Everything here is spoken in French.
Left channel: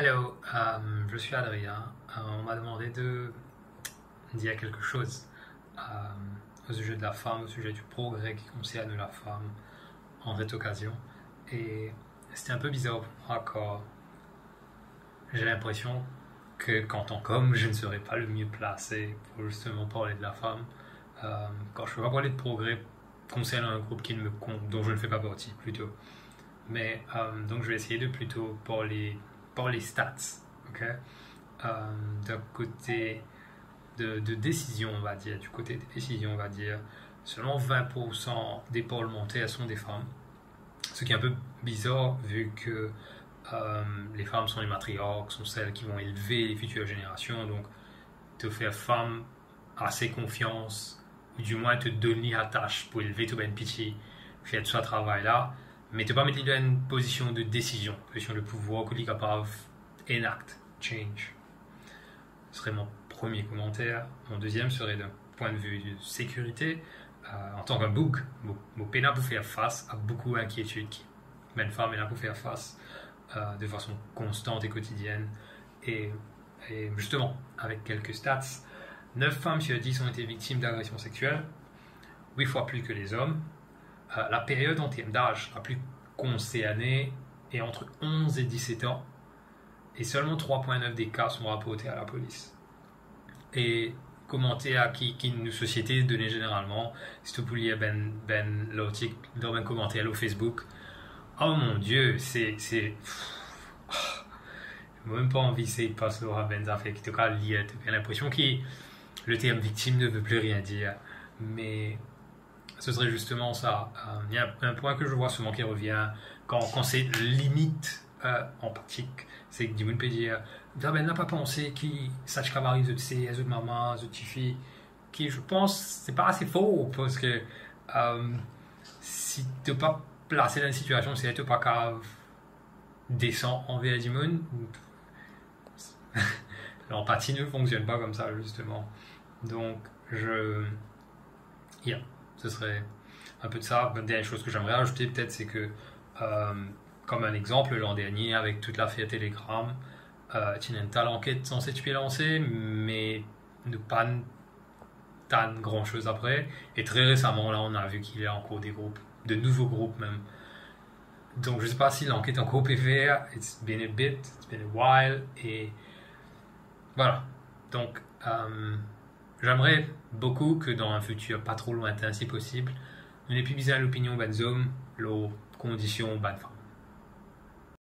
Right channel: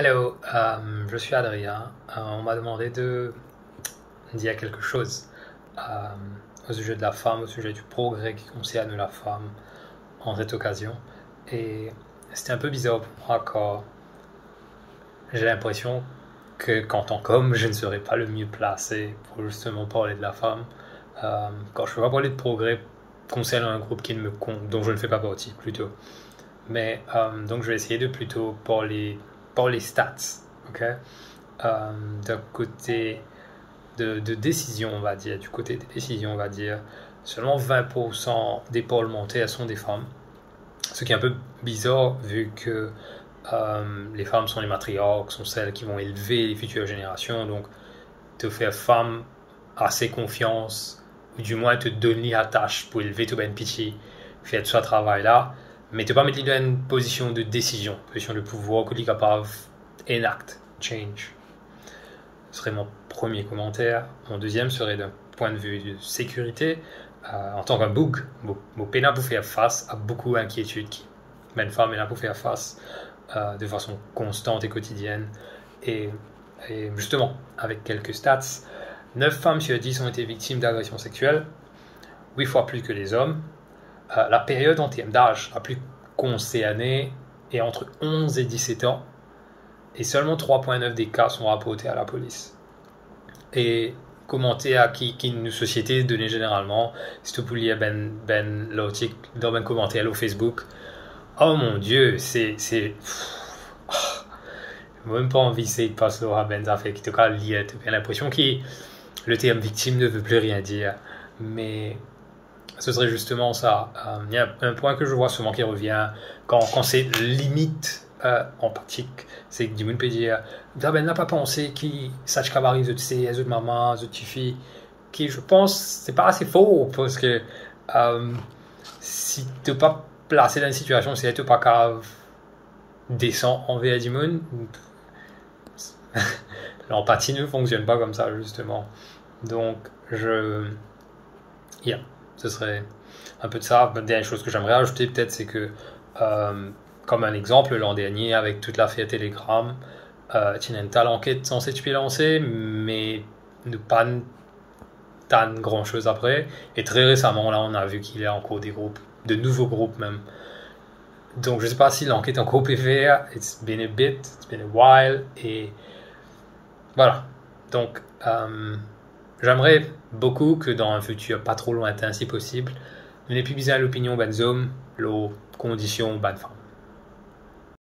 Hello, je suis Adrien. On m'a demandé de dire quelque chose au sujet de la femme, au sujet du progrès qui concerne la femme en cette occasion. Et c'était un peu bizarre pour moi quand j'ai l'impression que qu'en tant qu'homme, je ne serais pas le mieux placé pour justement parler de la femme. Quand je ne peux pas parler de progrès concernant un groupe qui ne me compte, dont je ne fais pas partie plutôt. Mais donc je vais essayer de plutôt parler stats, ok? D'un côté de décision, on va dire, du côté des décisions, on va dire, seulement 20% des parlementaires sont des femmes. Ce qui est un peu bizarre vu que les femmes sont les matriarches, sont celles qui vont élever les futures générations. Donc, te faire femme assez confiance, ou du moins te donner la tâche pour élever ton ben pitié, faire tout ce travail-là, mais te pas mettre dans une position de décision, position de pouvoir que tu es capable enact, change. Ce serait mon premier commentaire. Mon deuxième serait d'un point de vue de sécurité. En tant qu'un bug, mon pénal pour faire face à beaucoup d'inquiétudes qui une femme est là pour faire face de façon constante et quotidienne. Et justement, avec quelques stats, 9 femmes sur 10 ont été victimes d'agressions sexuelles, 8 fois plus que les hommes. La période en termes d'âge la plus concernée est entre 11 et 17 ans, et seulement 3,9 des cas sont rapportés à la police. Et commenter à qui une société donnée généralement, si tu peux lire l'article dans un commentaire au Facebook, oh mon Dieu, c'est même pas envie de passer Laura Ben fait qui te cas lire, tu as l'impression que le terme victime ne veut plus rien dire, mais ce serait justement ça. Il y a un point que je vois souvent qui revient quand c'est limite empathique, c'est que du monde peut dire ben n'a pas pensé qui sache qu'avarice de ses de maman de fille qui je pense c'est pas assez faux parce que si tu n'es pas placé dans une situation si tu n'es pas capable descend envers du monde, l'empathie ne fonctionne pas comme ça justement. Donc ce serait un peu de ça. Une dernière chose que j'aimerais ajouter peut-être, c'est que comme un exemple, l'an dernier avec toute l'affaire Telegram, il y a une telle enquête censée être lancée, mais ne pas tant grand chose après. Et très récemment, là, on a vu qu'il y a encore des groupes, de nouveaux groupes même. Donc je ne sais pas si l'enquête est encore PVR. It's been a bit, it's been a while, et voilà. Donc j'aimerais beaucoup que dans un futur pas trop lointain, si possible, nous n'ayons plus besoin de l'opinion des hommes, les conditions des femmes.